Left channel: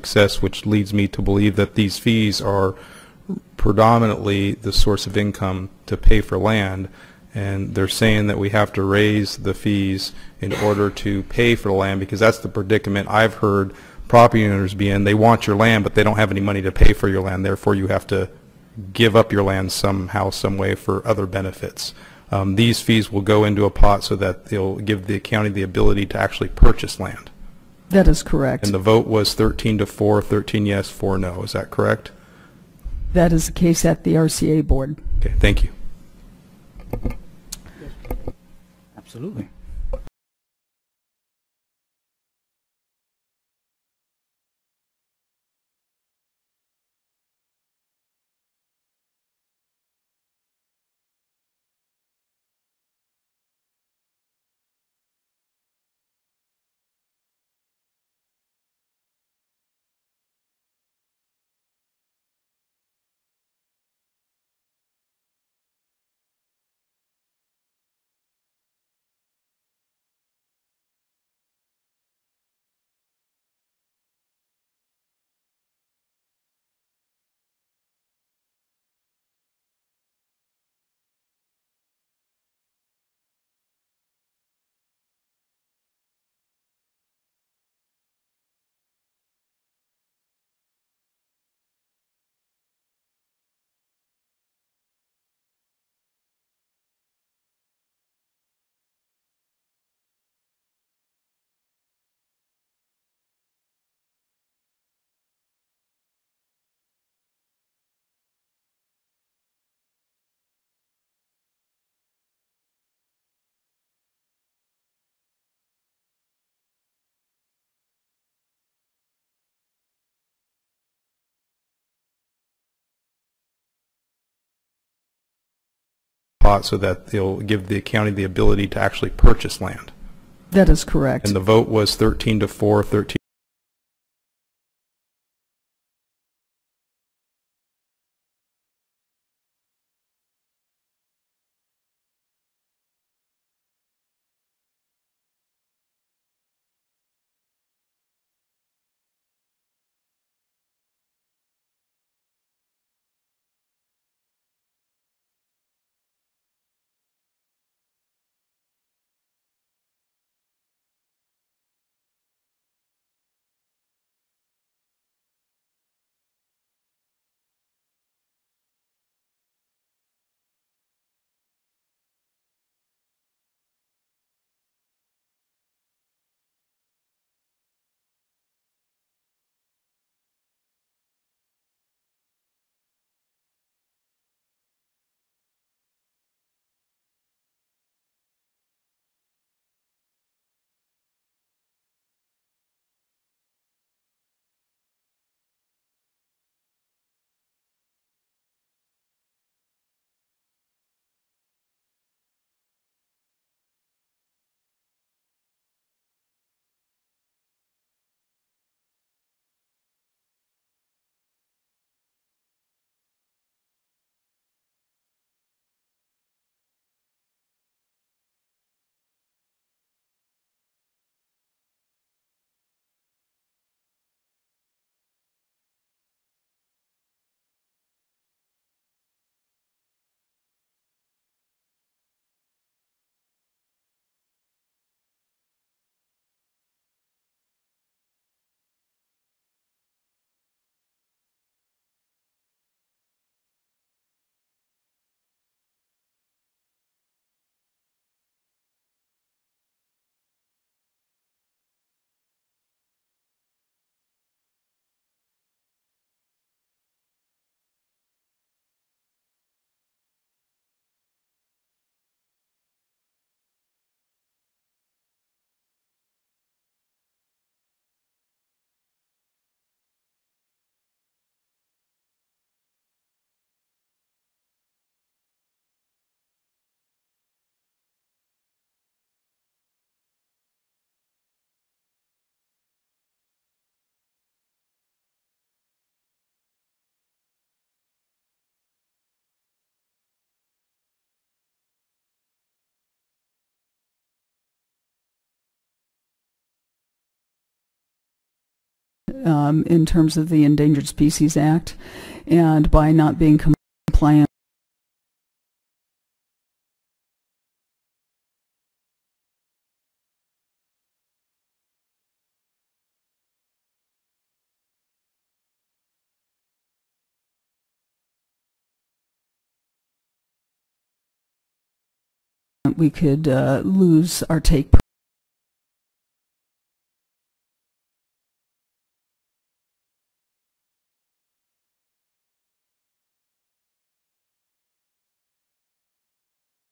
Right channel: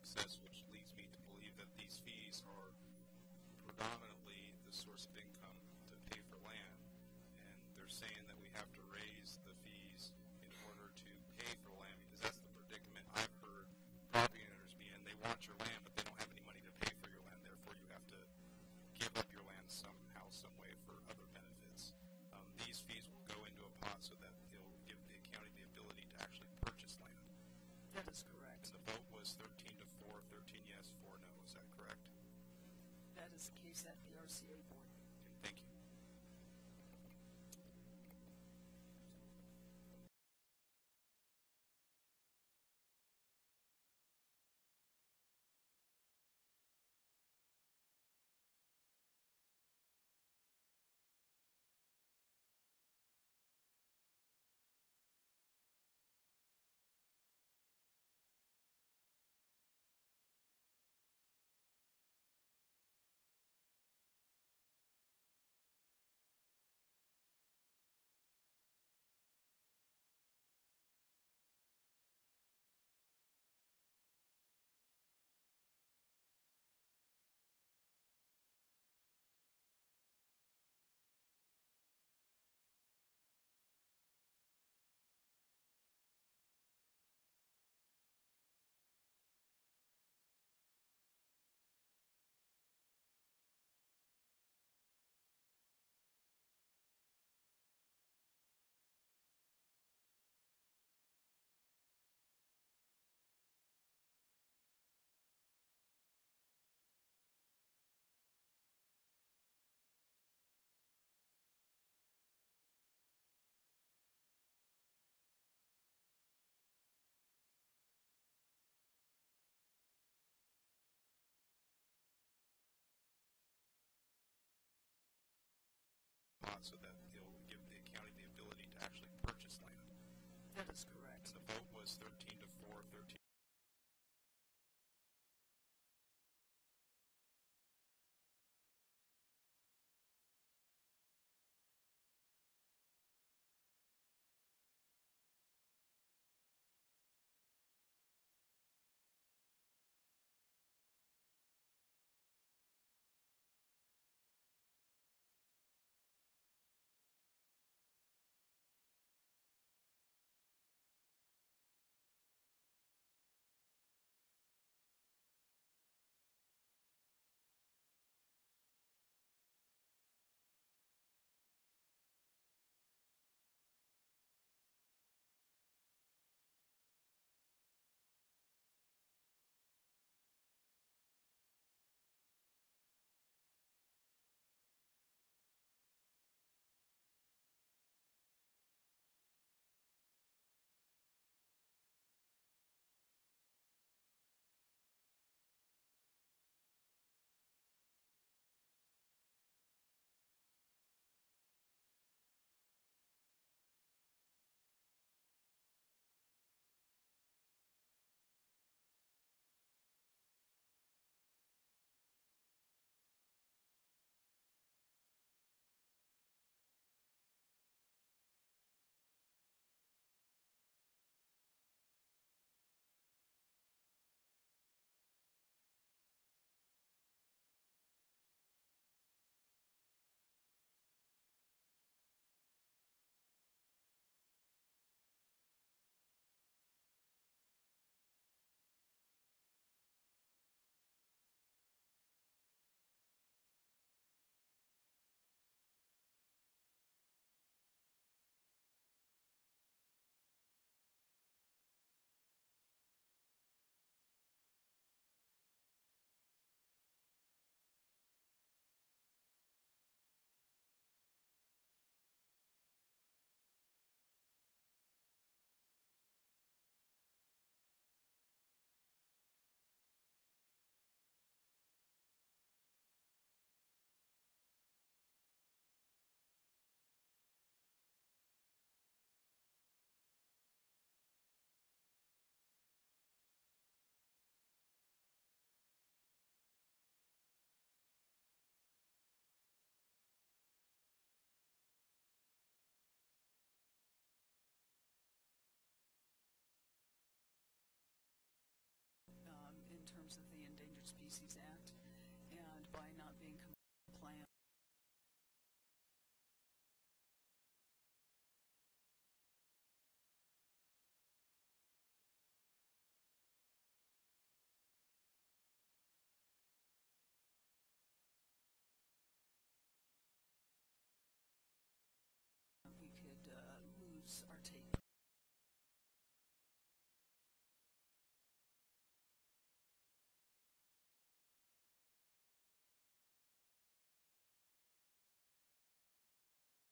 success, which leads me to believe that these fees are predominantly the source of income to pay for land. And they're saying that we have to raise the fees in order to pay for the land, because that's the predicament I've heard property owners be in. They want your land, but they don't have any money to pay for your land. Therefore, you have to give up your land somehow, some way for other benefits. These fees will go into a pot so that they'll give the county the ability to actually purchase land. That is correct. And the vote was 13-4, 13 yes, 4 no. Is that correct? That is the case at the RCA board. Okay, thank you. Absolutely. Pot so that they'll give the county the ability to actually purchase land. That is correct. And the vote was 13-4, 13 in terms of the Endangered Species Act, and by not being compliant we could lose our take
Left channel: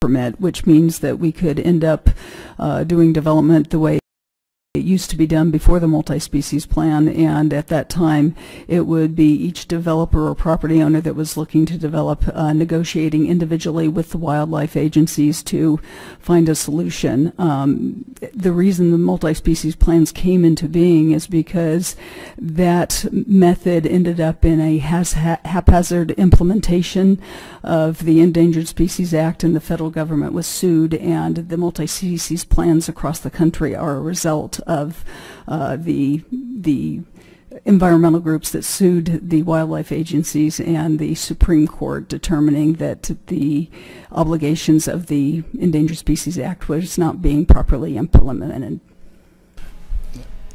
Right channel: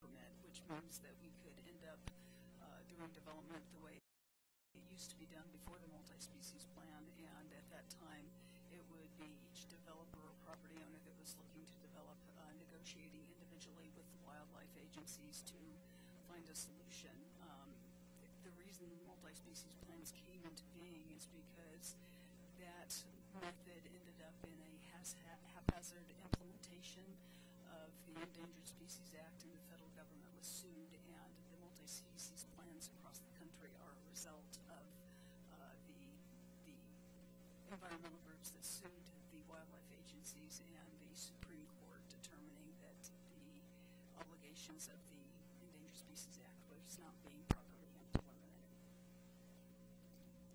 permit, which means that we could end up doing development the way it used to be done before the multi-species plan, and at that time it would be each developer or property owner that was looking to develop negotiating individually with the wildlife agencies to find a solution. The reason the multi-species plans came into being is because that method ended up in a haphazard implementation of the Endangered Species Act, and the federal government was sued, and the multi-species plans across the country are a result of the environmental groups that sued the wildlife agencies and the Supreme Court determining that the obligations of the Endangered Species Act was not being properly implemented.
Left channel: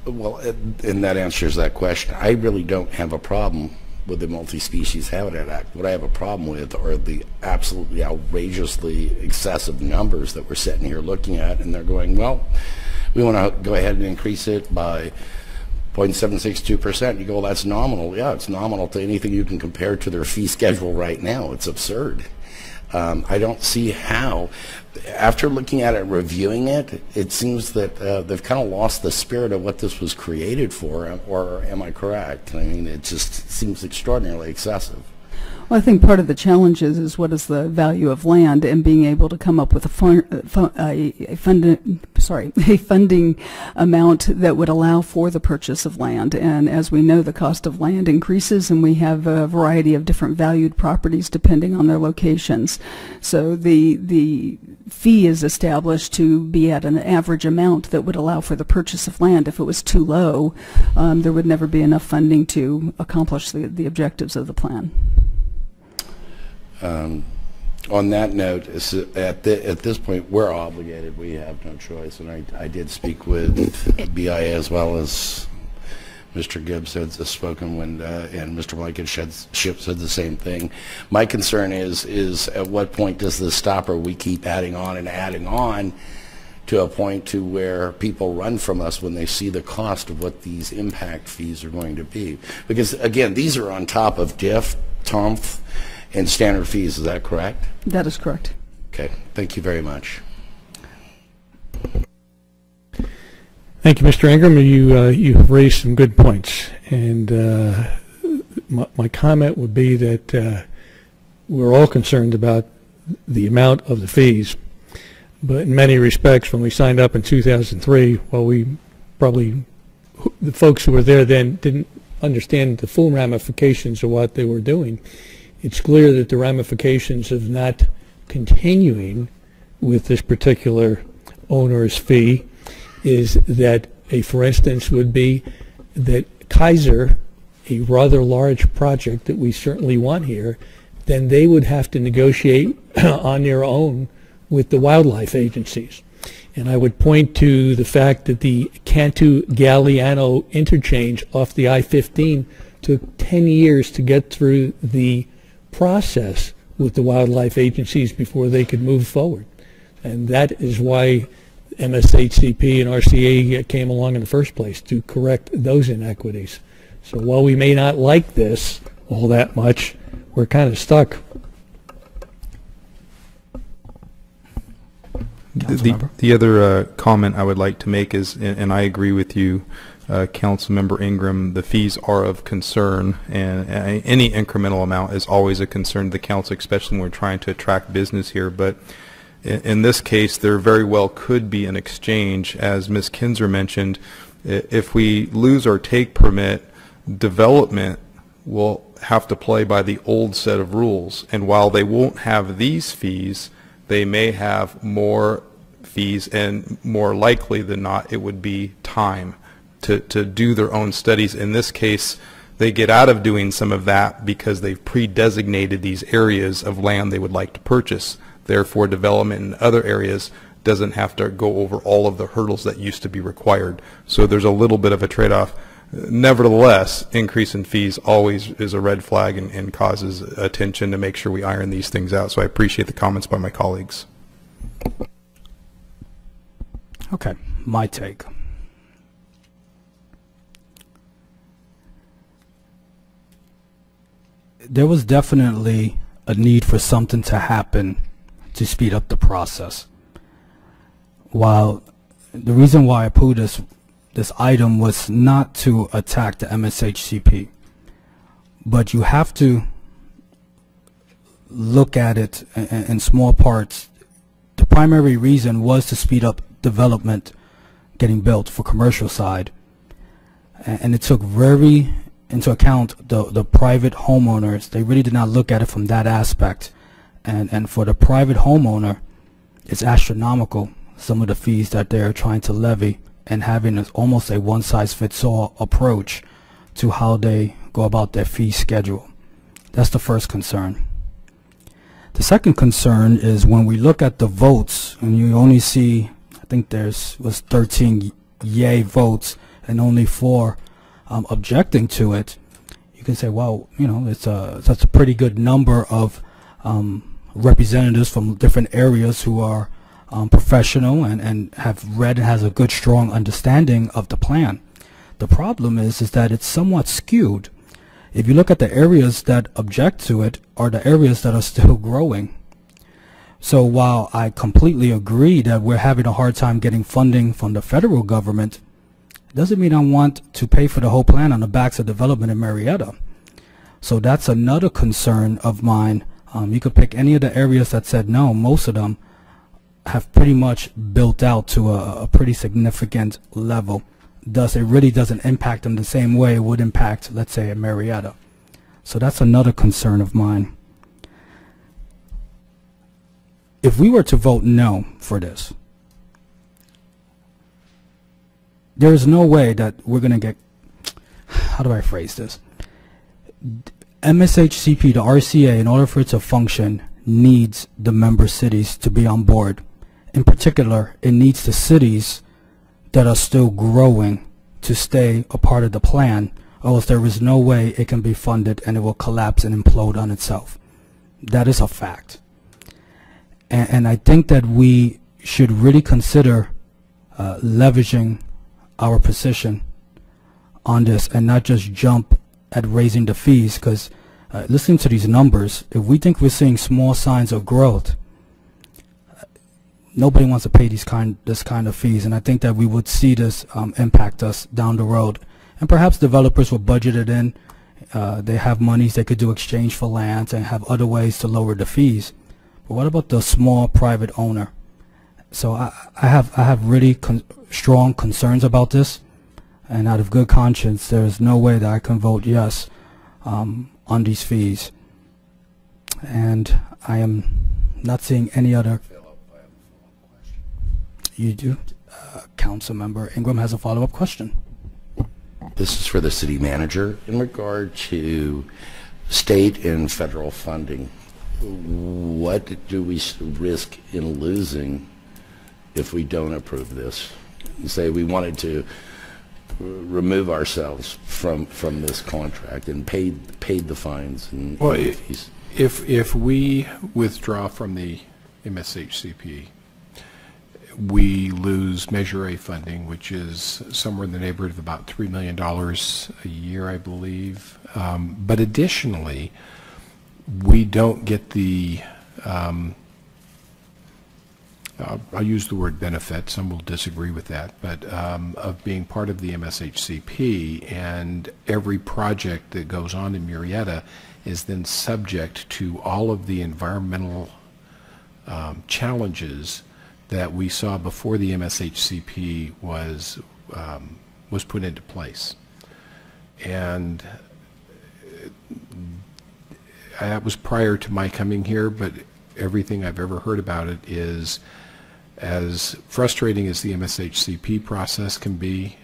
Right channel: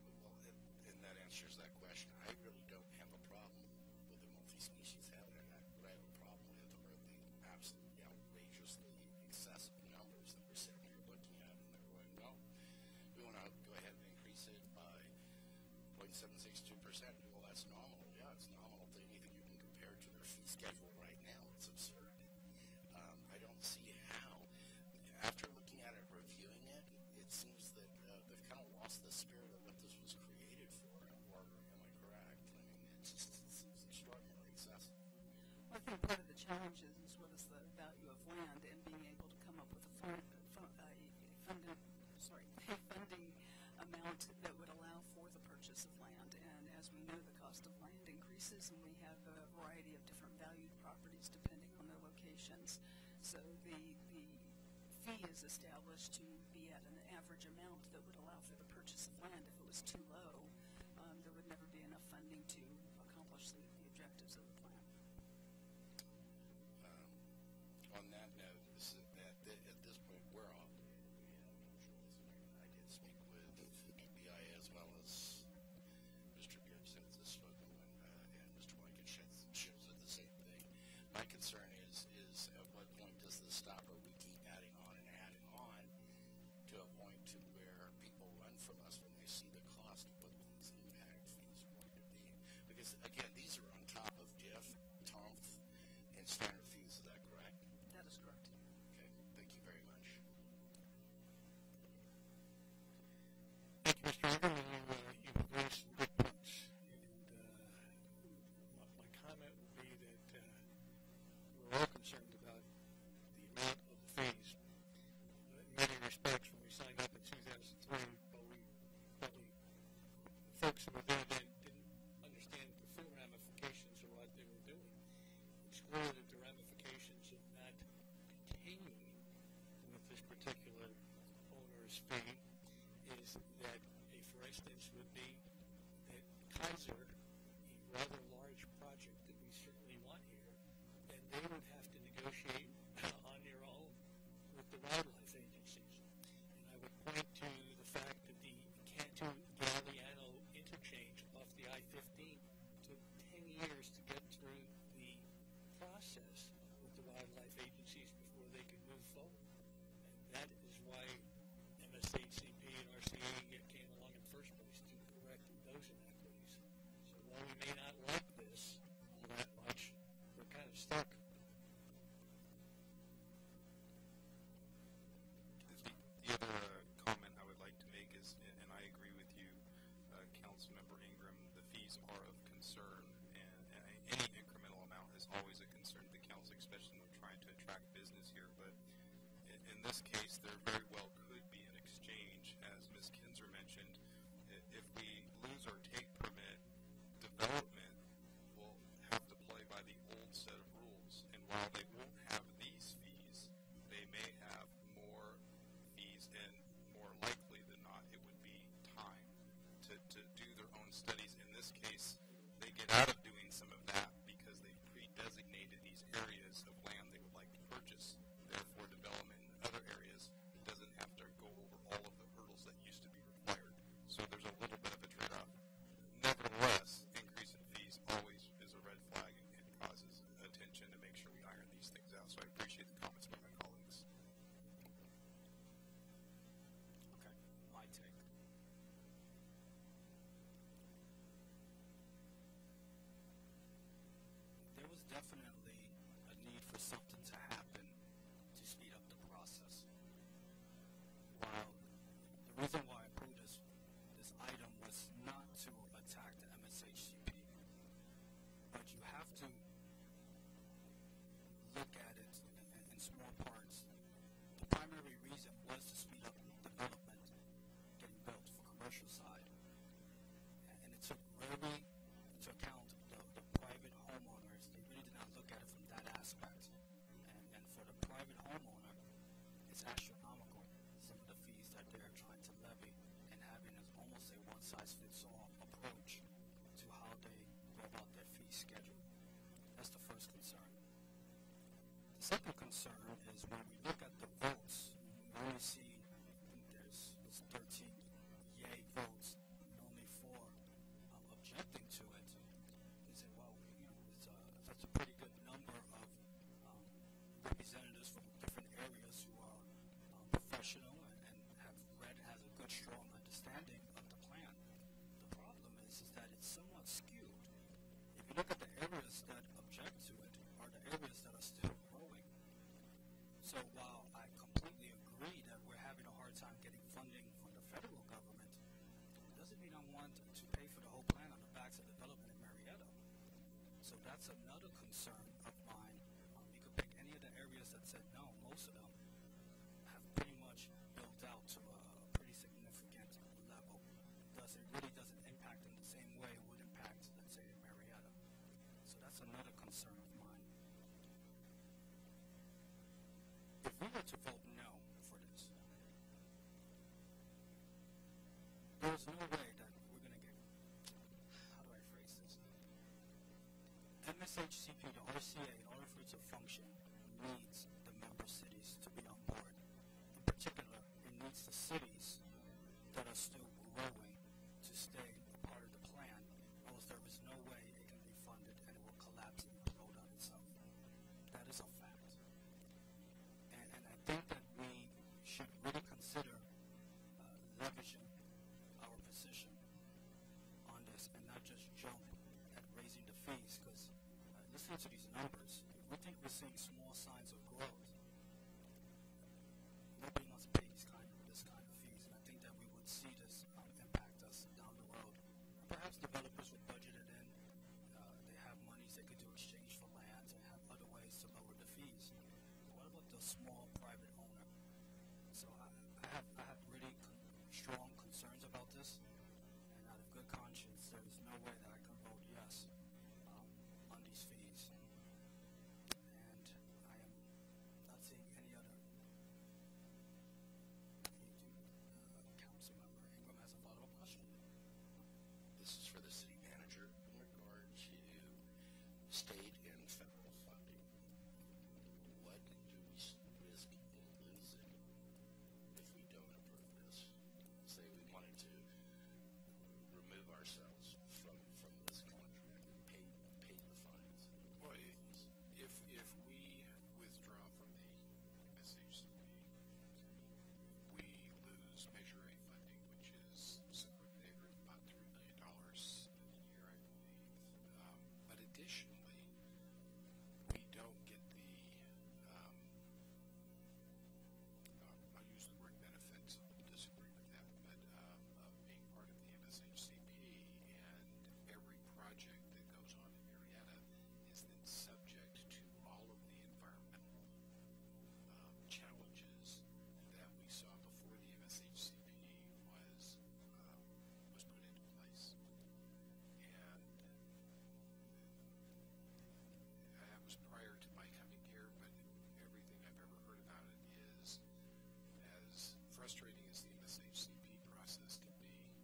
Well, and that answers that question. I really don't have a problem with the Multi-Species Habitat Act. What I have a problem with are the absolutely outrageously excessive numbers that we're sitting here looking at, and they're going, well, we want to go ahead and increase it by 0.762%. You go, well, that's nominal. Yeah, it's nominal to anything you can compare to their fee schedule right now. It's absurd. I don't see how. After looking at it and reviewing it, it seems that they've kind of lost the spirit of what this was created for, or am I correct? I mean, it just seems extraordinarily excessive. Well, I think part of the challenge is what is the value of land, and being able to come up with a funding amount that would allow for the purchase of land. And as we know, the cost of land increases, and we have a variety of different valued properties depending on their locations. So the fee is established to be at an average amount that would allow for the purchase of land. If it was too low, there would never be enough funding to accomplish the objectives of the plan. On that note, at this point, we're obligated. We have no choice. And I did speak with BIA as well as Mr. Gibbs has spoken when, and Mr. Blankenship said the same thing. My concern is at what point does this stop, or we keep adding on and adding on to a point to where people run from us when they see the cost of what these impact fees are going to be. Because, again, these are on top of DIF, TOMF, and standard fees. Is that correct? That is correct. Okay. Thank you very much. Thank you, Mr. Ingram. You have raised some good points, and my comment would be that we're all concerned about the amount of the fees, but in many respects, when we signed up in 2003, well, the folks who were there then didn't understand the full ramifications of what they were doing. It's clear that the ramifications of not continuing with this particular owner's fee is that, for instance, would be that Kaiser, a rather large project that we certainly want here, then they would have to negotiate on their own with the wildlife agencies. And I would point to the fact that the Cantu-Galliano interchange off the I-15 took 10 years to get through the process with the wildlife agencies before they could move forward. And that is why MSHCP and RCA came along in the first place, to correct those inequities. So while we may not like this all that much, we're kind of stuck. The other comment I would like to make is, and I agree with you, Councilmember Ingram, the fees are of concern, and any incremental amount is always a concern to the council, especially when we're trying to attract business here. But in this case, there very well could be an exchange, as Ms. Kinzer mentioned. If we lose our take permit, development will have to play by the old set of rules, and while they won't have these fees, they may have more fees, and more likely than not it would be time. to do their own studies. In this case, they get out of doing some of that because they've pre-designated these areas of land they would like to purchase. Therefore, development in other areas doesn't have to go over all of the hurdles that used to be required. So there's a little bit of a trade-off. Nevertheless, increase in fees always is a red flag and causes attention to make sure we iron these things out. So I appreciate the comments by my colleagues. Okay, my take. There was definitely a need for something to happen to speed up the process. While the reason why I put this item was not to attack the MSHCP, but you have to look at it in small parts. The primary reason was to speed up development getting built for commercial side, and it took very into account the private homeowners. They really did not look at it from that aspect, and for the private homeowner, it's astronomical, some of the fees that they're trying to levy, and having almost a one-size-fits-all approach to how they go about their fee schedule. That's the first concern. The second concern is when we look at the votes, and you only see, I think was 13 yay votes and only 4 objecting to it. You can say, well, you know, that's a pretty good number of representatives from different areas who are professional and have read and has a good, strong understanding of the plan. The problem is that it's somewhat skewed. If you look at the areas that object to it are the areas that are still growing. So while I completely agree that we're having a hard time getting funding from the federal government, it doesn't mean I want to pay for the whole plan on the backs of development in Murrieta. So that's another concern of mine. You could pick any of the areas that said no. Most of them have pretty much built out to a pretty significant level. Thus, it really doesn't impact them the same way it would impact, let's say, a Murrieta. So that's another concern of mine. If we were to vote no for this, there is no way that we're going to get, how do I phrase this? MSHCP, the RCA, in order for it to function, needs the member cities to be on board. In particular, it needs the cities that are still growing to stay a part of the plan, or else there is no way it can be funded and it will collapse and implode on itself. That is a fact. And I think that we should really consider leveraging our position on this and not just jump at raising the fees, because listening to these numbers, if we think we're seeing small signs of growth, nobody wants to pay this kind of fees, and I think that we would see this impact us down the road. And perhaps developers will budget it in. They have monies they could do exchange for lands and have other ways to lower the fees. But what about the small private owner? So I have really strong concerns about this, and out of good conscience, there is no way that I can vote yes on these fees. And I am not seeing any other. You do? Council Member Ingram has a follow-up question. This is for the city manager. In regard to state and federal funding, what do we risk in losing if we don't approve this? Say we wanted to remove ourselves from this contract and paid the fines and well, fees. If we withdraw from the MSHCP, we lose Measure A funding, which is somewhere in the neighborhood of about $3 million a year, I believe. But additionally, we don't get the, I'll use the word benefit, some will disagree with that, but of being part of the MSHCP, and every project that goes on in Murrieta is then subject to all of the environmental challenges that we saw before the MSHCP was put into place. And that was prior to my coming here, but everything I've ever heard about it is, as frustrating as the MSHCP process can be,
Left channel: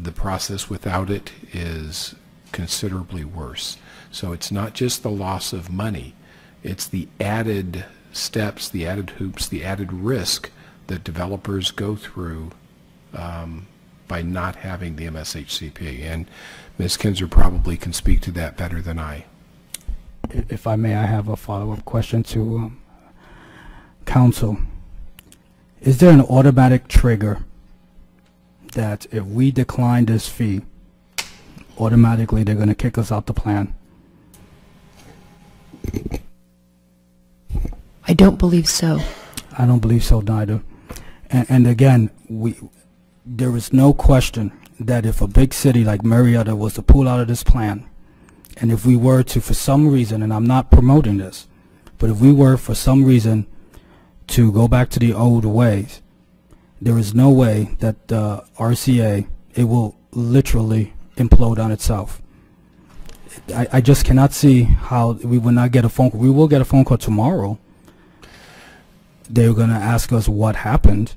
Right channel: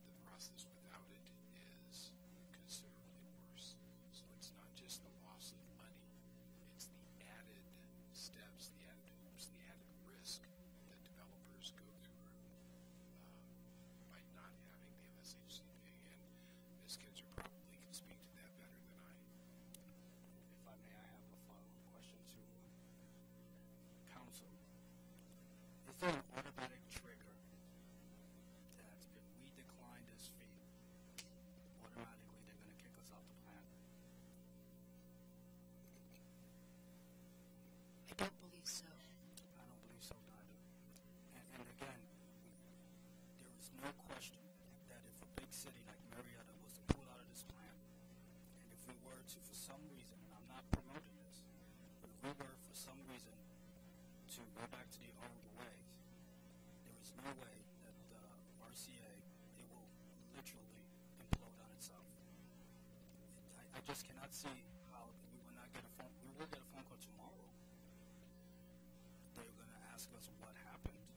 the process without it is considerably worse. So it's not just the loss of money, it's the added steps, the added hoops, the added risk that developers go through by not having the MSHCP. And Ms. Kinzer probably can speak to that better than I. If I may, I have a follow-up question to council. Is there an automatic trigger that if we decline this fee, automatically they're going to kick us out the plan? I don't believe so. I don't believe so neither. And again, there is no question that if a big city like Murrieta was to pull out of this plan, and if we were to, for some reason, and I'm not promoting this, but if we were for some reason to go back to the old ways, there is no way that the RCA, it will literally implode on itself. I just cannot see how we will not get a phone call. We will get a phone call tomorrow. They're going to ask us what happened,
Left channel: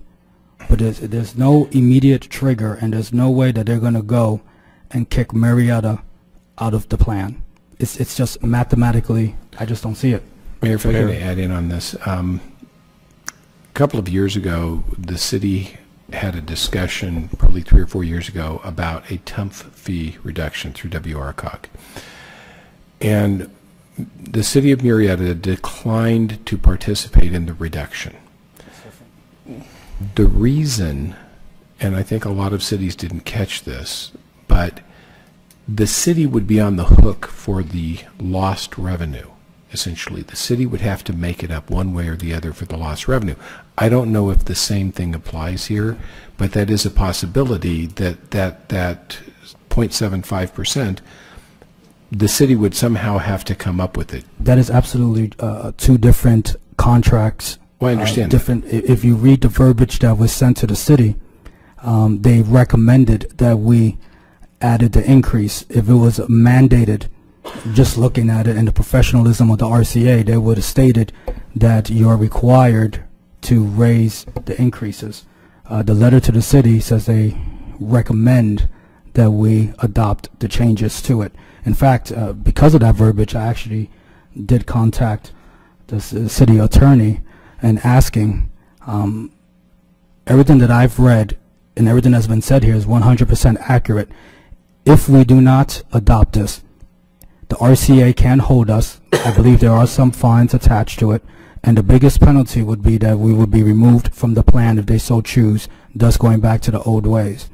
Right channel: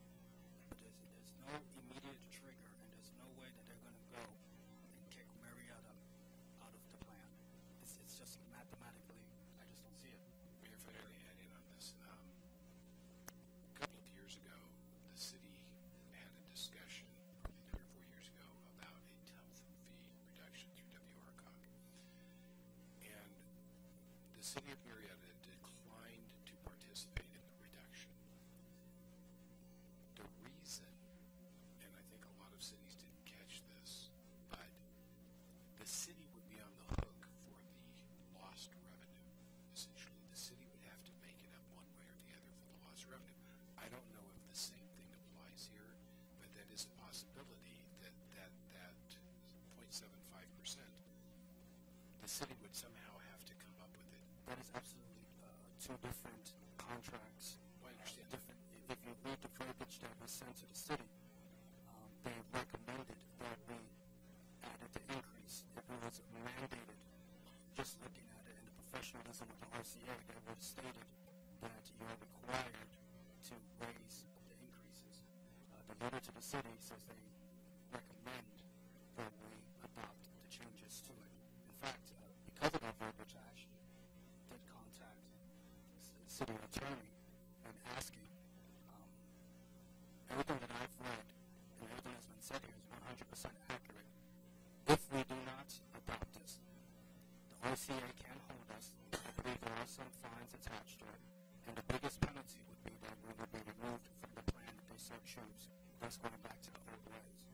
but there's no immediate trigger, and there's no way that they're going to go and kick Murrieta out of the plan. It's just mathematically, I just don't see it. Mayor, if I can add in on this. A couple of years ago, the city had a discussion, probably 3 or 4 years ago, about a TUMF fee reduction through WRCOG. And the city of Murrieta declined to participate in the reduction. The reason, and I think a lot of cities didn't catch this, but the city would be on the hook for the lost revenue. Essentially, the city would have to make it up one way or the other for the lost revenue. I don't know if the same thing applies here, but that is a possibility that 0.75%, the city would somehow have to come up with it. That is absolutely two different contracts. Well, I understand. Different. If you read the verbiage that was sent to the city, they recommended that we added the increase. If it was mandated, just looking at it and the professionalism of the RCA, they would have stated that you are required to raise the increases. The letter to the city says they recommend that we adopt the changes to it. In fact, because of that verbiage, I actually did contact the city attorney and asking, everything that I've read and everything that's been said here is 100% accurate. If we do not adopt this, the RCA can hold us. I believe there are some fines attached to it, and the biggest penalty would be that we would be removed from the plan if they so choose, thus going back to the old ways.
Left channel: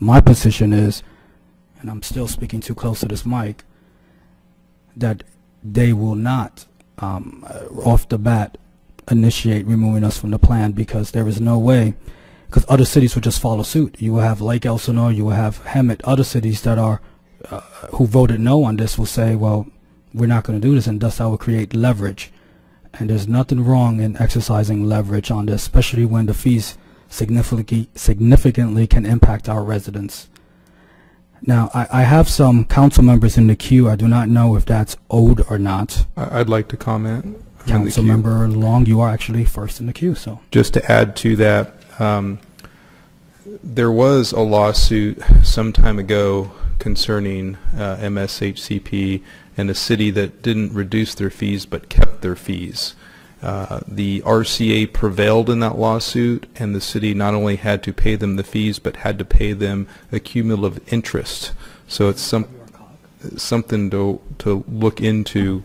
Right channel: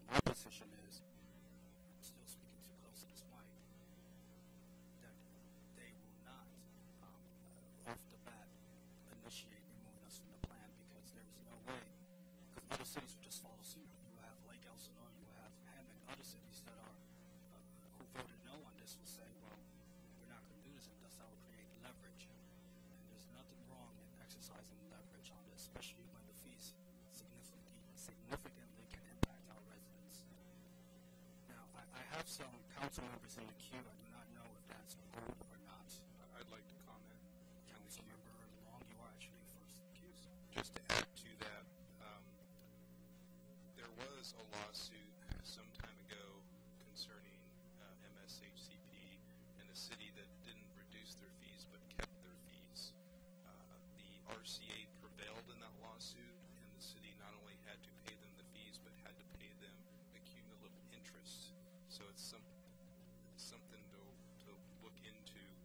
My position is, and I'm still speaking too close to this mic, that they will not, off the bat, initiate removing us from the plan, because there is no way, because other cities would just follow suit. You will have Lake Elsinore, you will have Hemet, other cities that are who voted no on this will say, well, we're not going to do this, and thus that will create leverage. And there's nothing wrong in exercising leverage on this, especially when the fees significantly can impact our residents. Now, I have some council members in the queue. I do not know if that's owed or not. I'd like to comment. Council member Long, you are actually first in the queue. So just to add to that, there was a lawsuit some time ago concerning MSHCP and a city that didn't reduce their fees but kept their fees. The RCA prevailed in that lawsuit, and the city not only had to pay them the fees but had to pay them a cumulative interest. So it's something to look into.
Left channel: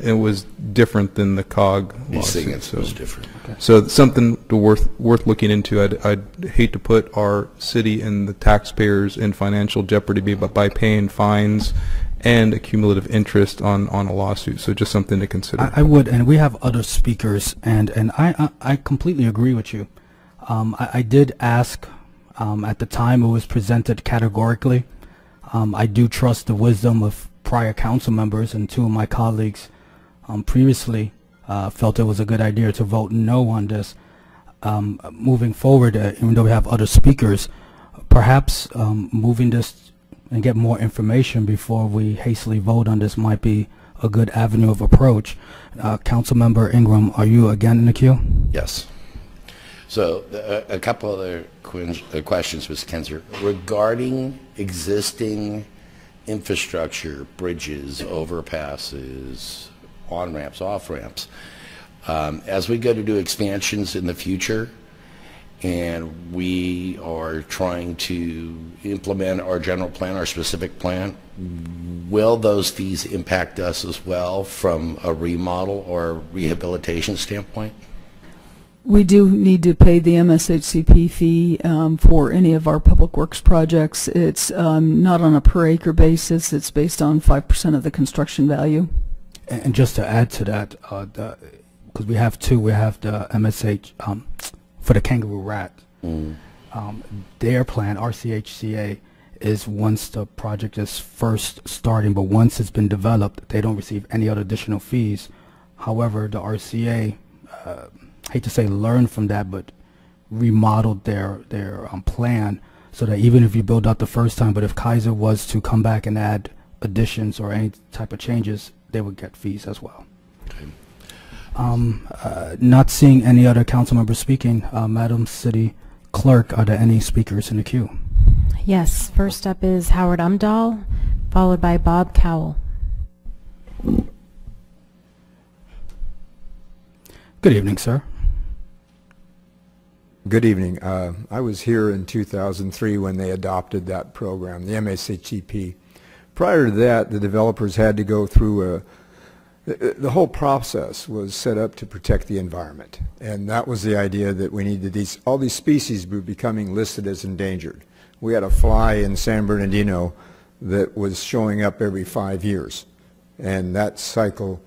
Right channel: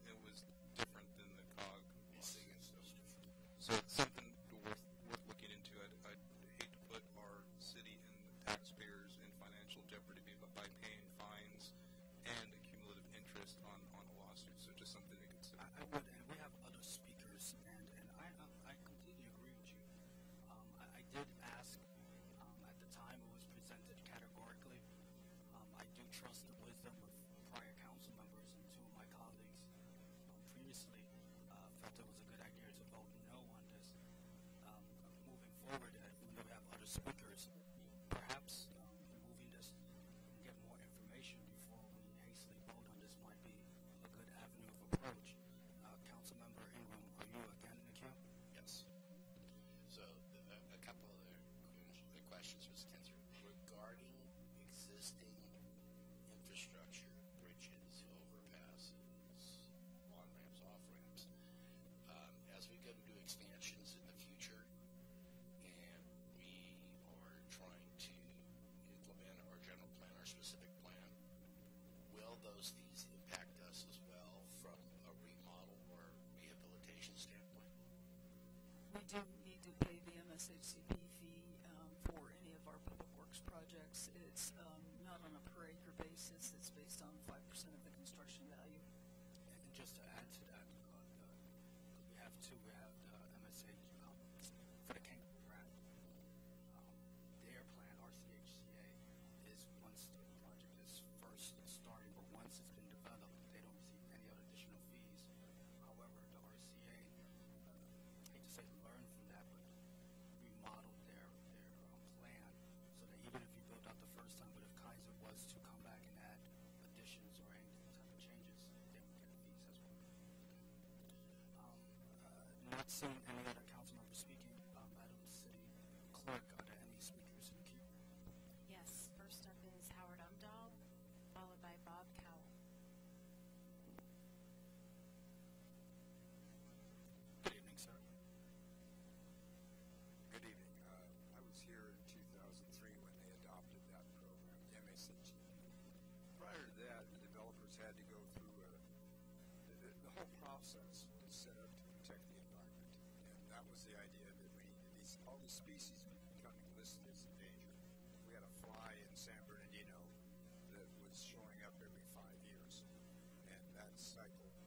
It was different than the COG lawsuit. So it's different. Okay. So it's something worth looking into. I'd hate to put our city and the taxpayers in financial jeopardy by paying fines and a cumulative interest on a lawsuit. So just something to consider. I would, and we have other speakers, and I completely agree with you. I did ask at the time it was presented categorically. I do trust the wisdom of prior council members, and two of my colleagues previously felt it was a good idea to vote no on this. Moving forward, even though we have other speakers, perhaps moving this and get more information before we hastily vote on this might be a good avenue of approach. Councilmember Ingram, are you again in the queue? Yes. So a couple other questions, Mr. Kinzer. Regarding existing infrastructure, bridges, overpasses, on-ramps, off-ramps, as we go to do expansions in the future, and we are trying to implement our general plan, our specific plan, will those fees impact us as well from a remodel or rehabilitation standpoint? We do need to pay the MSHCP fee for any of our public works projects. It's not on a per acre basis. It's based on 5% of the construction value. And just to add to that, because we have two, we have the MSH for the kangaroo rat. Their plan, RCHCA, is once the project is first starting, but once it's been developed, they don't receive any other additional fees. However, the RCA, hate to say learned from that, but remodeled their plan so that even if you build out the first time, but if Kaiser was to come back and add additions or any type of changes, they would get fees as well. Not seeing any other council members speaking, Madam City Clerk, are there any speakers in the queue? Yes, first up is Howard Umdahl, followed by Bob Cowell. Good evening, sir. Good evening. I was here in 2003 when they adopted that program, the MSHCP. Prior to that, the developers had to go through the whole process was set up to protect the environment, and that was the idea that we needed all these species were becoming listed as endangered. We had a fly in San Bernardino that was showing up every 5 years, and that cycle,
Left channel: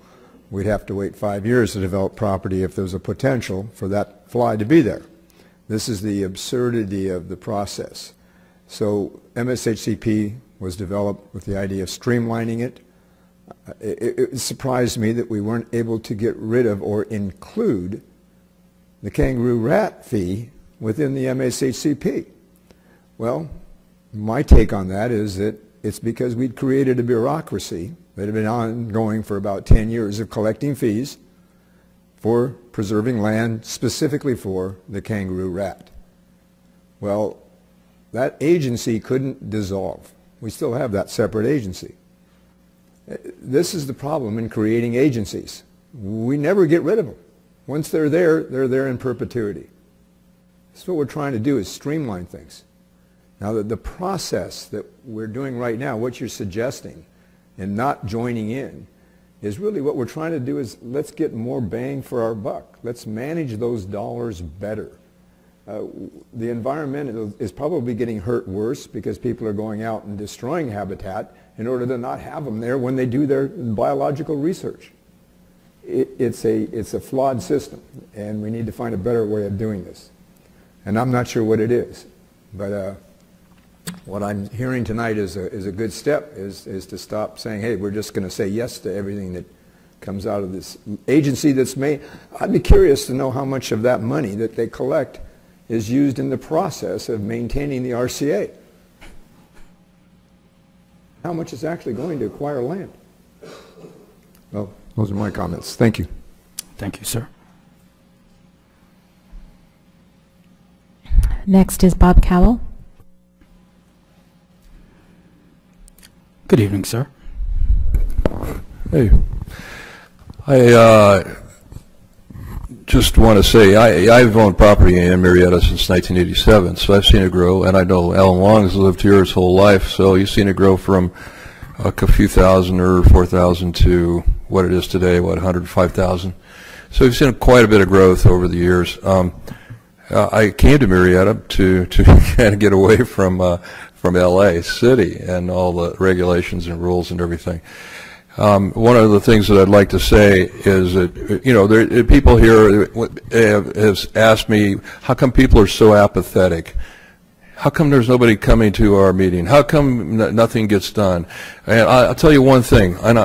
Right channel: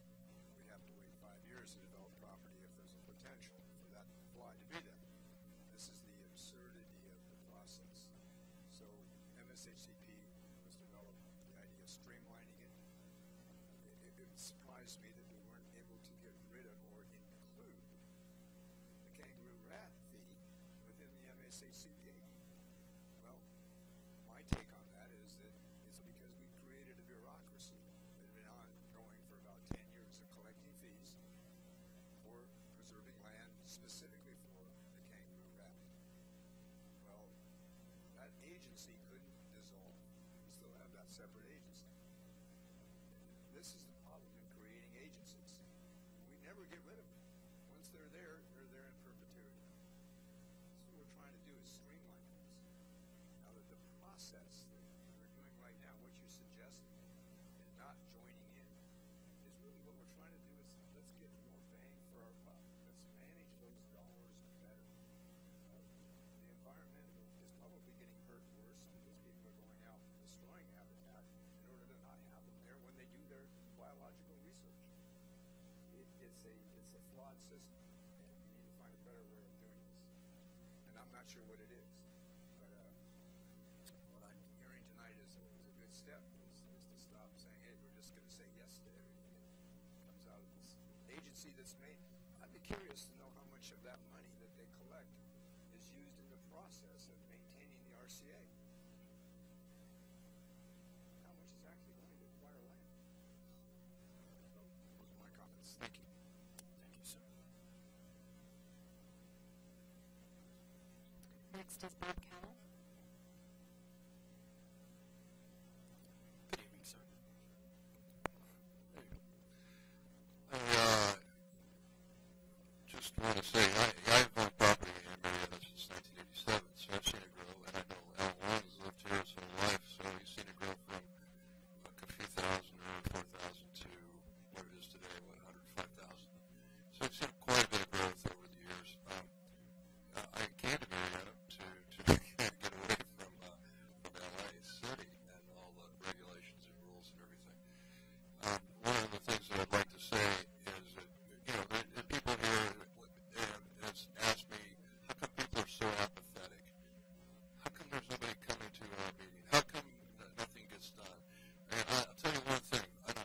we'd have to wait 5 years to develop property if there was a potential for that fly to be there. This is the absurdity of the process. So MSHCP was developed with the idea of streamlining it. It surprised me that we weren't able to get rid of or include the kangaroo rat fee within the MSHCP. Well, my take on that is that it's because we'd created a bureaucracy that had been ongoing for about 10 years of collecting fees for preserving land specifically for the kangaroo rat. Well, that agency couldn't dissolve. We still have that separate agency. This is the problem in creating agencies. We never get rid of them. Once they're there in perpetuity. So what we're trying to do is streamline things. Now, the process that we're doing right now, what you're suggesting, and not joining in, is really what we're trying to do is let's get more bang for our buck. Let's manage those dollars better. The environment is probably getting hurt worse because people are going out and destroying habitat in order to not have them there when they do their biological research. It's a flawed system, and we need to find a better way of doing this. And I'm not sure what it is, but what I'm hearing tonight is a good step, is to stop saying, hey, we're just going to say yes to everything that comes out of this agency that's made. I'd be curious to know how much of that money that they collect is used in the process of maintaining the RCA. How much is actually going to acquire land? Well, those are my comments. Thank you. Thank you, sir. Next is Bob Cowell. Good evening, sir. Hey, I just want to say I've owned property in Murrieta since 1987, so I've seen it grow, and I know Alan Long has lived here his whole life, so he's seen it grow from a few thousand or 4,000 to what it is today, what, 105,000. So we've seen quite a bit of growth over the years. I came to Murrieta to kind of get away from LA City and all the regulations and rules and everything. One of the things that I'd like to say is that, you know, people here have asked me, how come people are so apathetic? How come there's nobody coming to our meeting? How come nothing gets done? And I'll tell you one thing, in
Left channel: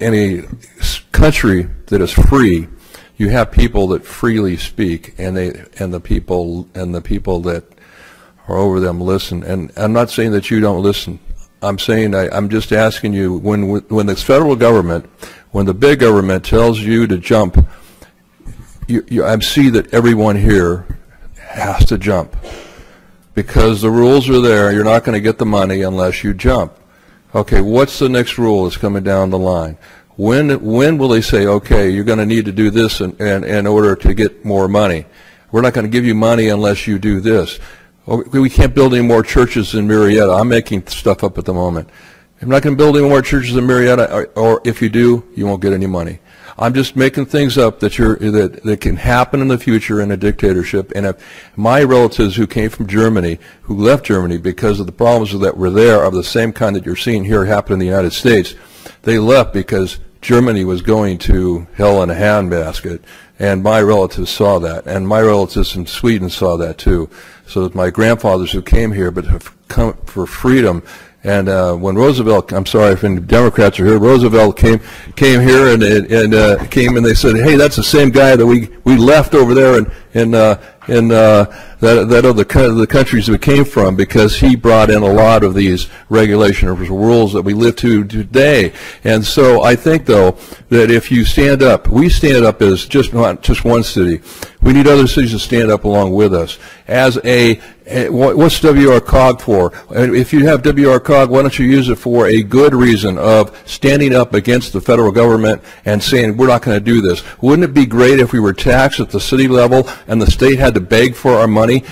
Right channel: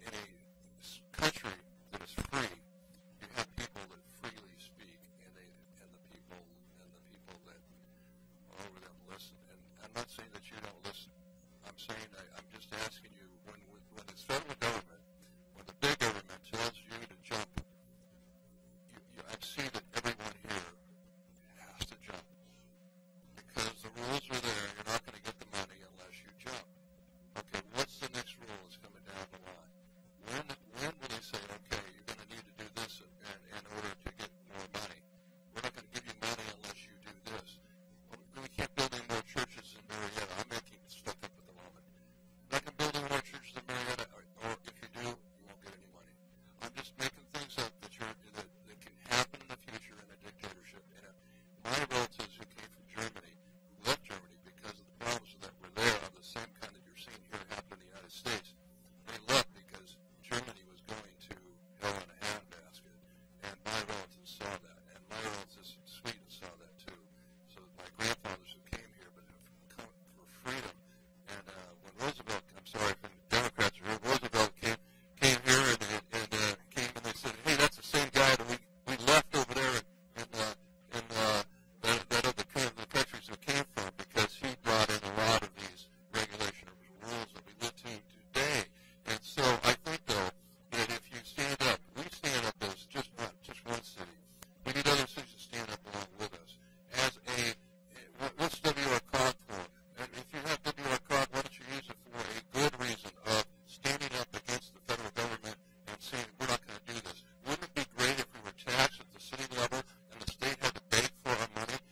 a country that is free, you have people that freely speak, and the people that are over them listen. And I'm not saying that you don't listen. I'm saying I'm just asking you, when the federal government, when the big government tells you to jump, I see that everyone here has to jump. Because the rules are there, you're not going to get the money unless you jump. Okay, what's the next rule that's coming down the line? When will they say, okay, you're going to need to do this in order to get more money? We're not going to give you money unless you do this. We can't build any more churches in Murrieta. I'm making stuff up at the moment. I'm not going to build any more churches in Murrieta, or if you do, you won't get any money. I'm just making things up that can happen in the future in a dictatorship. And if my relatives who came from Germany, who left Germany because of the problems that were there of the same kind that you're seeing here happen in the United States, they left because Germany was going to hell in a handbasket. And my relatives saw that. And my relatives in Sweden saw that too. So that my grandfathers who came here but have come for freedom. And when Roosevelt, I'm sorry if any Democrats are here, Roosevelt came here and came and they said, hey, that's the same guy that we left over there in that other the countries we came from, because he brought in a lot of these regulations or rules that we live to today. And so I think, though, that if you stand up, we stand up as not just one city. We need other cities to stand up along with us. As what's WRCOG for? If you have WRCOG, why don't you use it for a good reason of standing up against the federal government and saying we're not going to do this? Wouldn't it be great if we were taxed at the city level and the state had to beg for our money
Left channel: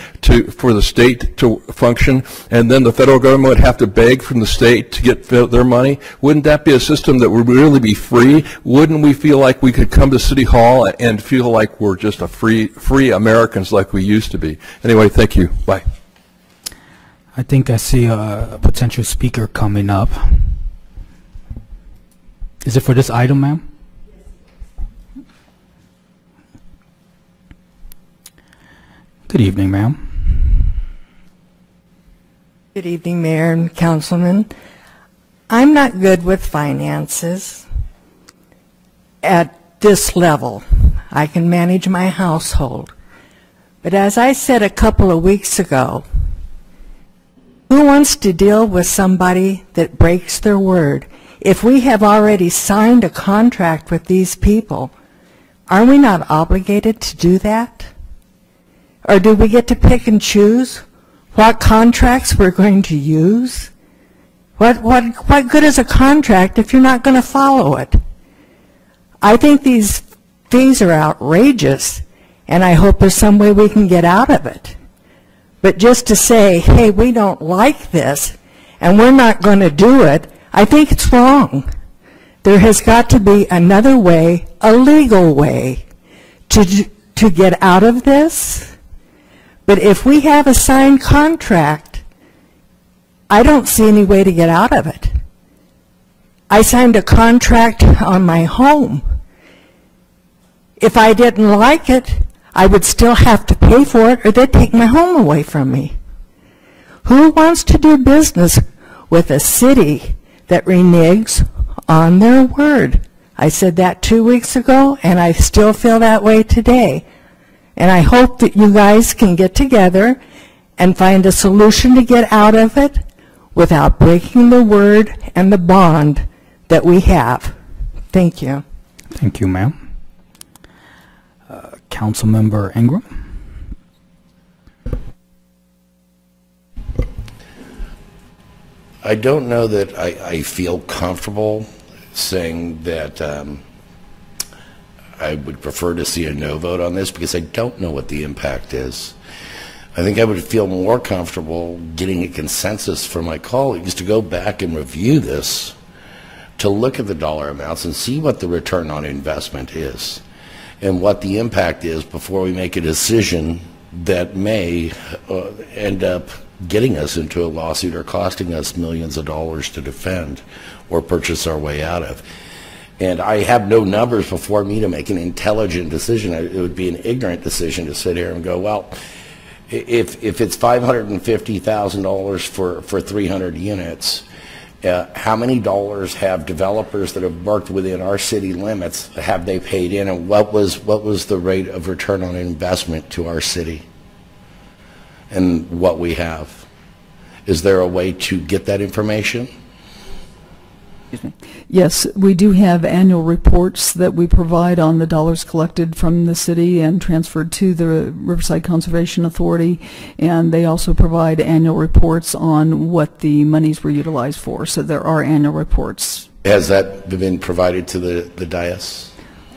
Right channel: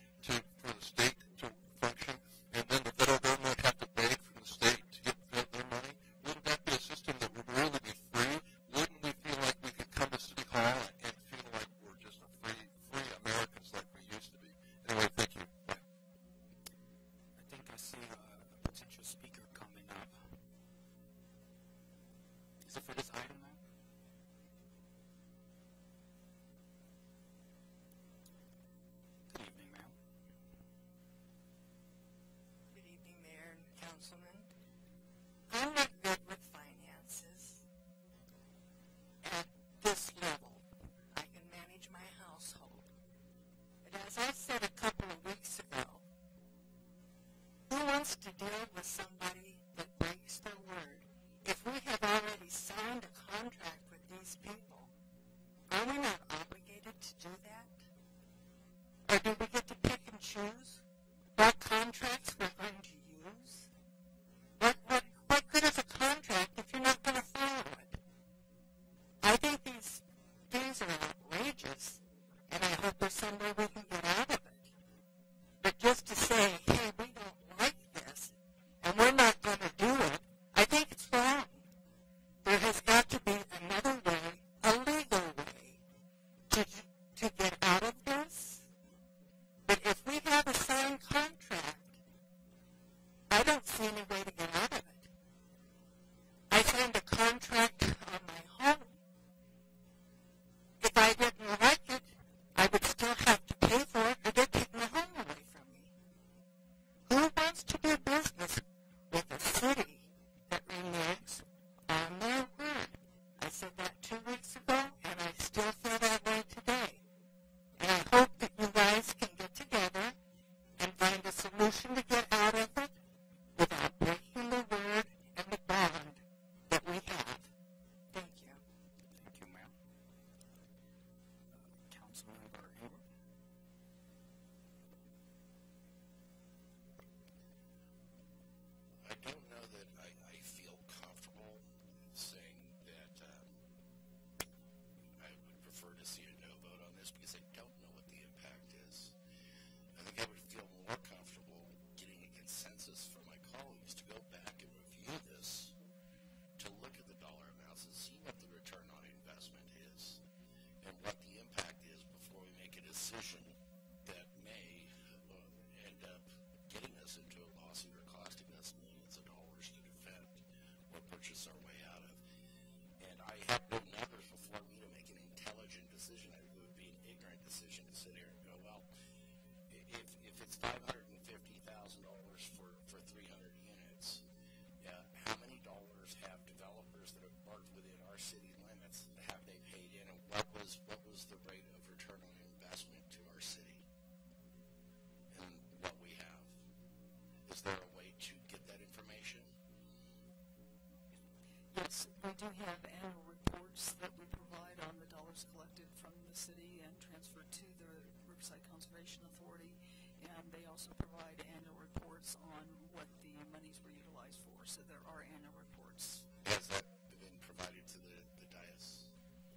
for the state to function, and then the federal government would have to beg from the state to get their money? Wouldn't that be a system that would really be free? Wouldn't we feel like we could come to City Hall and feel like we're just a free Americans like we used to be? Anyway, thank you. Bye. I think I see a potential speaker coming up. Is it for this item, ma'am? Good evening, ma'am. Good evening, Mayor and Councilman. I'm not good with finances at this level. I can manage my household. But as I said a couple of weeks ago, who wants to deal with somebody that breaks their word? If we have already signed a contract with these people, are we not obligated to do that? Or do we get to pick and choose what contracts we're going to use? What good is a contract if you're not going to follow it? I think these fees are outrageous, and I hope there's some way we can get out of it. But just to say, hey, we don't like this, and we're not going to do it, I think it's wrong. There has got to be another way, a legal way, to get out of this. But if we have a signed contract, I don't see any way to get out of it. I signed a contract on my home. If I didn't like it, I would still have to pay for it, or they'd take my home away from me. Who wants to do business with a city that reneges on their word? I said that 2 weeks ago, and I still feel that way today. And I hope that you guys can get together and find a solution to get out of it without breaking the word and the bond that we have. Thank you. Thank you, ma'am. Councilmember Ingram. I don't know that I feel comfortable saying that I would prefer to see a no vote on this, because I don't know what the impact is. I think I would feel more comfortable getting a consensus from my colleagues to go back and review this, to look at the dollar amounts and see what the return on investment is and what the impact is before we make a decision that may end up getting us into a lawsuit or costing us millions of dollars to defend or purchase our way out of. And I have no numbers before me to make an intelligent decision. It would be an ignorant decision to sit here and go, well, if it's $550,000 for 300 units, how many dollars have developers that have worked within our city limits, have they paid in, and what was the rate of return on investment to our city and what we have? Is there a way to get that information? Excuse me. Yes, we do have annual reports that we provide on the dollars collected from the city and transferred to the Riverside Conservation Authority, and they also provide annual reports on what the monies were utilized for. So there are annual reports. Has that been provided to the dais?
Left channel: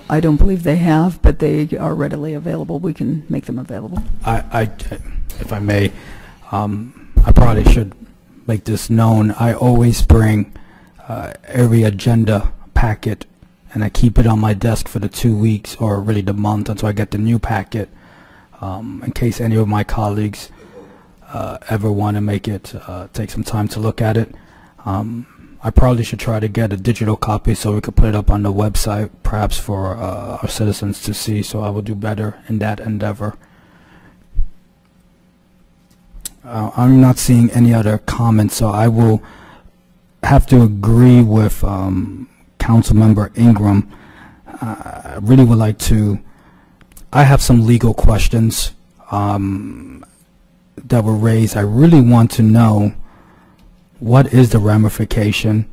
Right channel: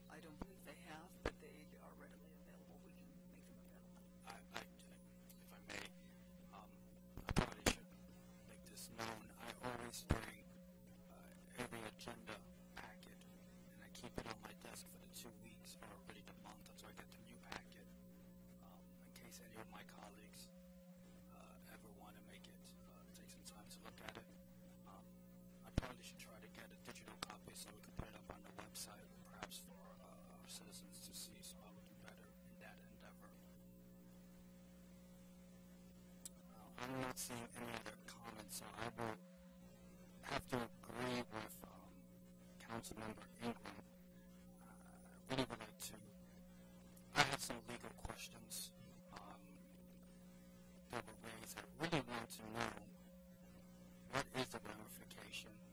I don't believe they have, but they are readily available. We can make them available. If I may, I probably should make this known. I always bring every agenda packet, and I keep it on my desk for the 2 weeks, or really the month, until I get the new packet, in case any of my colleagues ever want to take some time to look at it. I probably should try to get a digital copy so we could put it up on the website, perhaps for our citizens to see, so I will do better in that endeavor. I'm not seeing any other comments, so I will have to agree with Councilmember Ingram. I really would like to, I have some legal questions that were raised. I really want to know, what is the ramification?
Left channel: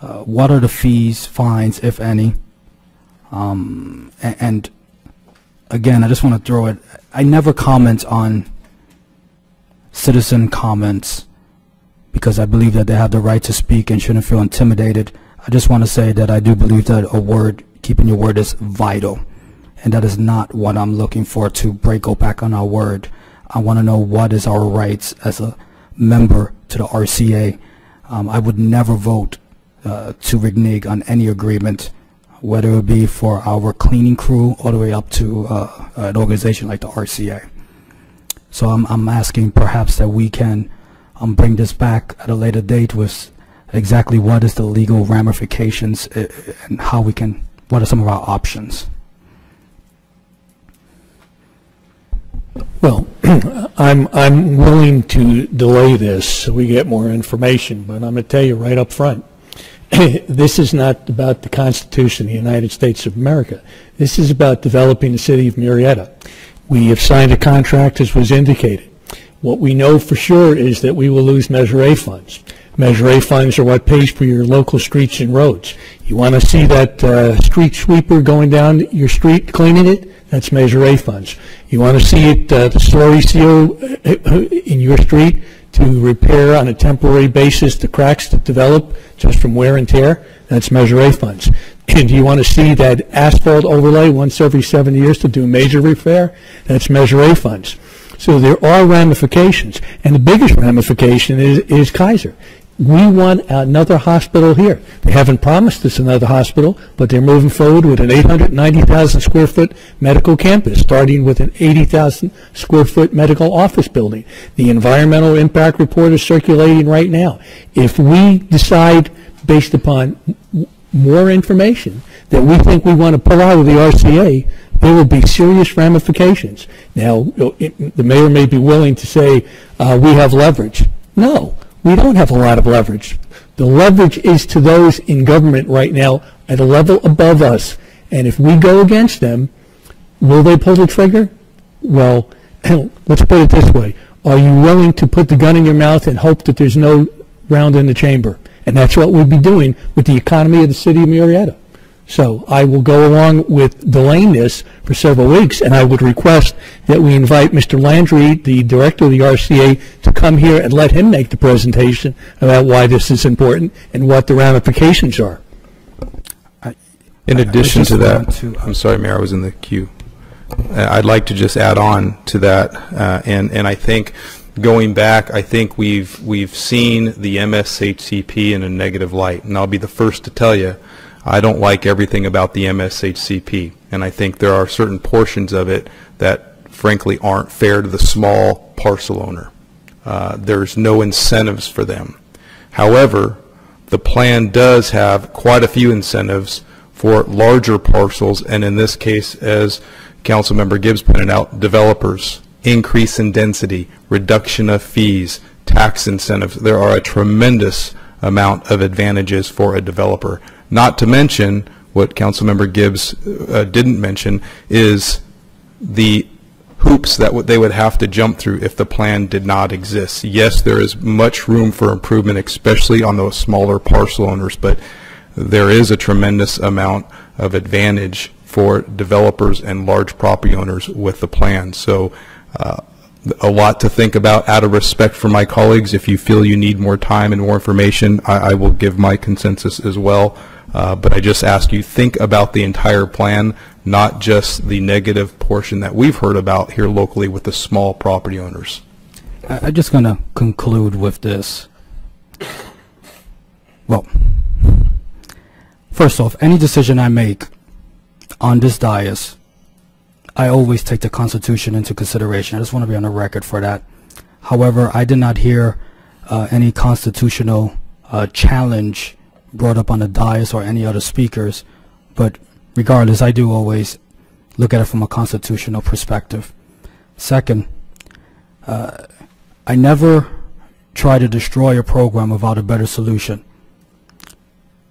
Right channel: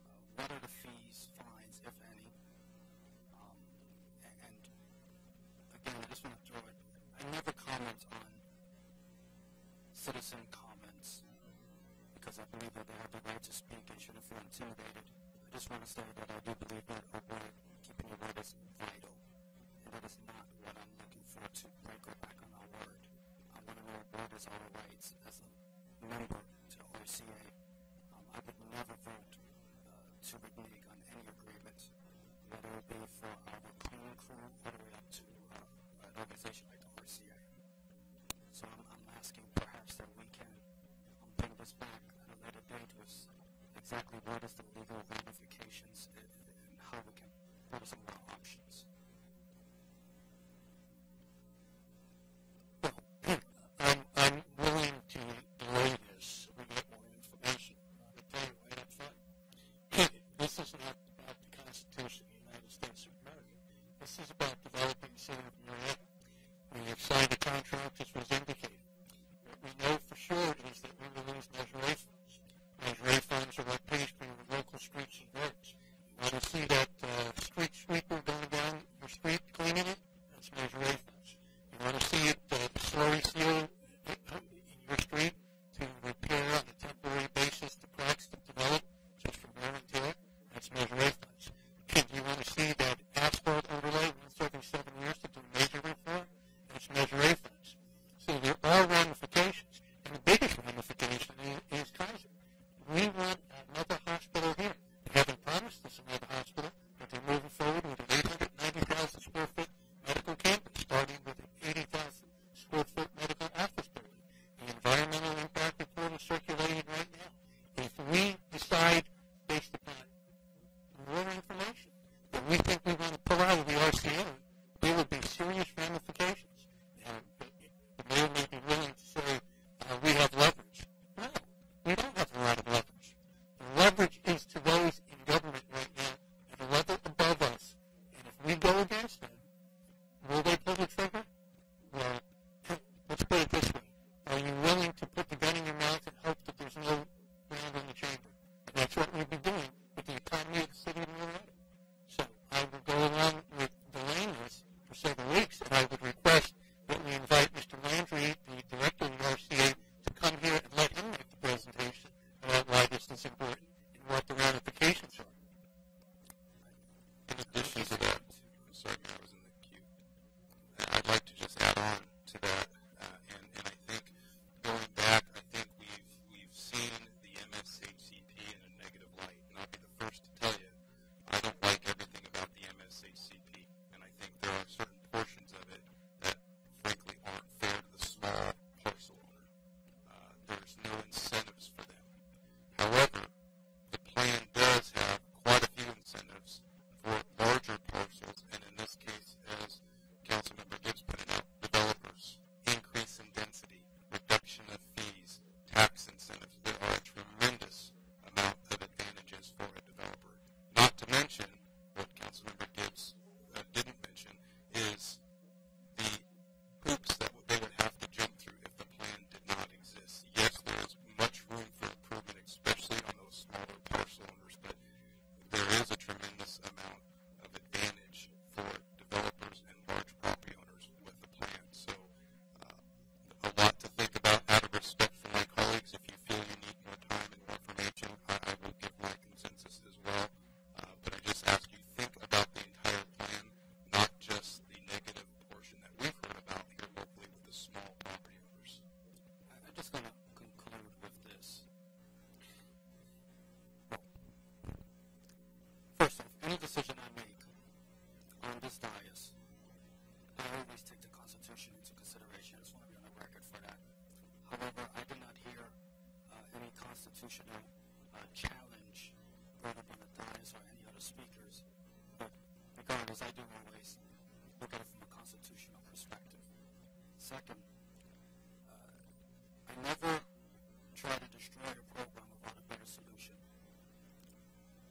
What are the fees, fines, if any? And again, I just want to throw it, I never comment on citizen comments because I believe that they have the right to speak and shouldn't feel intimidated. I just want to say that I do believe that a word, keeping your word, is vital, and that is not what I'm looking for, to go back on our word. I want to know what is our rights as a member to the RCA. I would never vote to renege on any agreement, whether it be for our cleaning crew all the way up to an organization like the RCA. So I'm asking perhaps that we can bring this back at a later date with exactly what is the legal ramifications and how we can, what are some of our options. Well, I'm willing to delay this so we get more information, but I'm going to tell you right up front, this is not about the Constitution of the United States of America. This is about developing the city of Murrieta. We have signed a contract, as was indicated. What we know for sure is that we will lose Measure A funds. Measure A funds are what pays for your local streets and roads. You want to see that street sweeper going down your street cleaning it? That's Measure A funds. You want to see it, the slurry seal in your street to repair on a temporary basis the cracks that develop just from wear and tear? That's Measure A funds. And you want to see that asphalt overlay once every 7 years to do major repair? That's Measure A funds. So there are ramifications, and the biggest ramification is Kaiser. We want another hospital here. They haven't promised us another hospital, but they're moving forward with an 890,000 square foot medical campus, starting with an 80,000 square foot medical office building. The environmental impact report is circulating right now. If we decide, based upon more information, that we think we want to pull out of the RCA, there will be serious ramifications. Now, the mayor may be willing to say we have leverage. No, we don't have a lot of leverage. The leverage is to those in government right now at a level above us. And if we go against them, will they pull the trigger? Well, let's put it this way. Are you willing to put the gun in your mouth and hope that there's no round in the chamber? And that's what we'd be doing with the economy of the city of Murrieta. So I will go along with delaying this for several weeks, and I would request that we invite Mr. Landry, the director of the RCA, to come here and let him make the presentation about why this is important and what the ramifications are. In addition to that, I'm sorry, Mayor, I was in the queue. I'd like to just add on to that, and I think going back, I think we've seen the MSHCP in a negative light, and I'll be the first to tell you, I don't like everything about the MSHCP, and I think there are certain portions of it that frankly aren't fair to the small parcel owner. There's no incentives for them. However, the plan does have quite a few incentives for larger parcels, and in this case, as Councilmember Gibbs pointed out, developers, increase in density, reduction of fees, tax incentives. There are a tremendous amount of advantages for a developer. Not to mention, what Councilmember Gibbs didn't mention, is hoops that they would have to jump through if the plan did not exist. Yes, there is much room for improvement, especially on those smaller parcel owners, but there is a tremendous amount of advantage for developers and large property owners with the plan. So a lot to think about. Out of respect for my colleagues, if you feel you need more time and more information, I will give my consensus as well. But I just ask you, think about the entire plan, not just the negative portion that we've heard about here locally with the small property owners. I'm just going to conclude with this. Well, first off, any decision I make on this dais, I always take the Constitution into consideration. I just want to be on the record for that. However, I did not hear any constitutional challenge brought up on the dais or any other speakers, but regardless, I do always look at it from a constitutional perspective. Second, I never try to destroy a program without a better solution.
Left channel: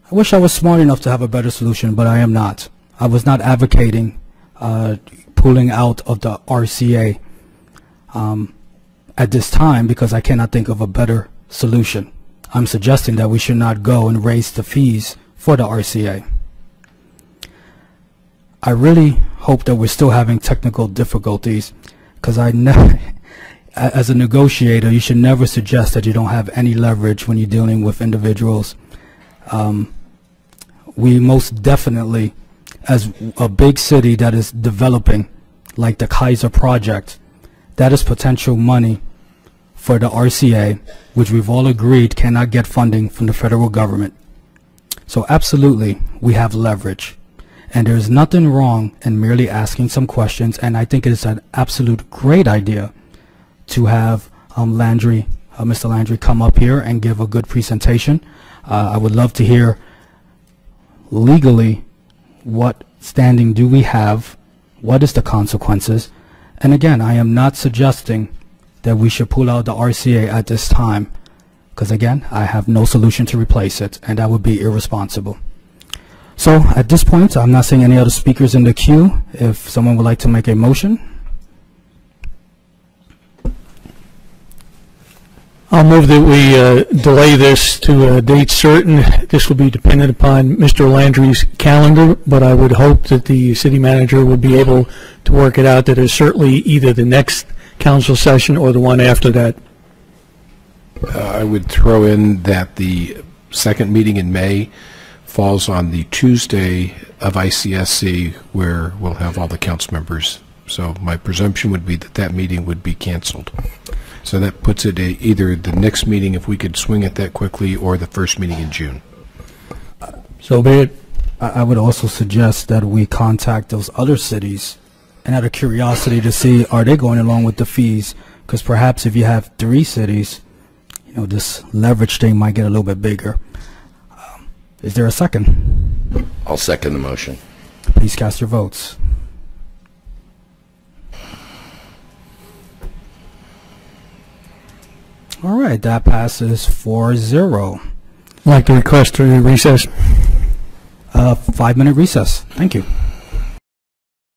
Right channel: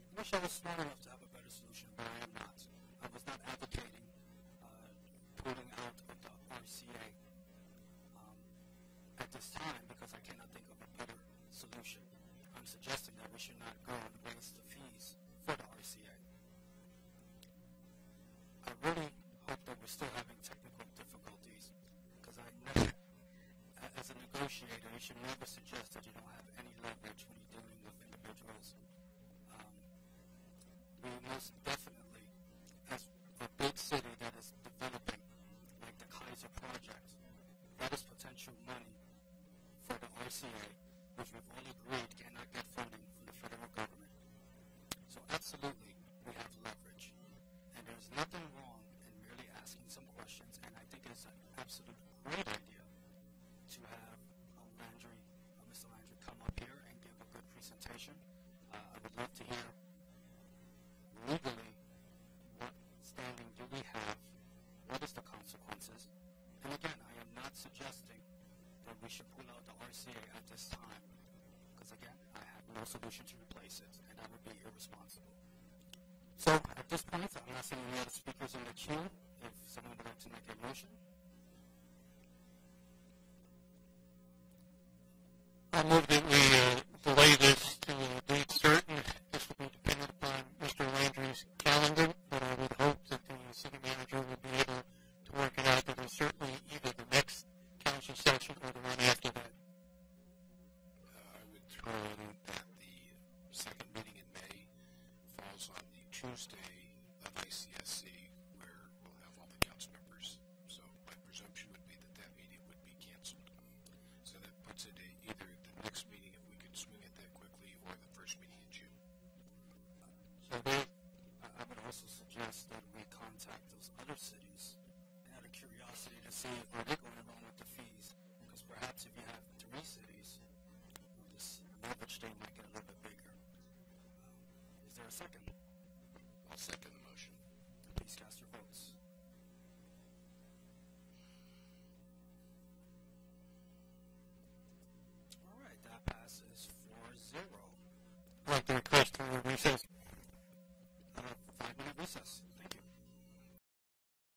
I wish I was smart enough to have a better solution, but I am not. I was not advocating pulling out of the RCA at this time because I cannot think of a better solution. I'm suggesting that we should not go and raise the fees for the RCA. I really hope that we're still having technical difficulties, because as a negotiator, you should never suggest that you don't have any leverage when you're dealing with individuals. We most definitely, as a big city that is developing, like the Kaiser project, that is potential money for the RCA, which we've all agreed cannot get funding from the federal government. So absolutely, we have leverage. And there's nothing wrong in merely asking some questions, and I think it is an absolute great idea to have Mr. Landry come up here and give a good presentation. I would love to hear legally what standing do we have, what is the consequences, and again, I am not suggesting that we should pull out the RCA at this time, because again, I have no solution to replace it, and that would be irresponsible. So at this point, I'm not seeing any other speakers in the queue. If someone would like to make a motion. I'll move that we delay this to a date certain. This will be dependent upon Mr. Landry's calendar, but I would hope that the city manager would be able to work it out that it's certainly either the next council session or the one after that. I would throw in that the second meeting in May falls on the Tuesday of ICSC, where we'll have all the council members. So my presumption would be that that meeting would be canceled. So that puts it either the next meeting, if we could swing it that quickly, or the first meeting in June. So be it. I would also suggest that we contact those other cities and out of curiosity to see, are they going along with the fees? Because perhaps if you have 3 cities, you know, this leverage thing might get a little bit bigger. Is there a second? I'll second the motion. Please cast your votes. All right, that passes 4-0. I'd like to request a recess. 5-minute recess. Thank you.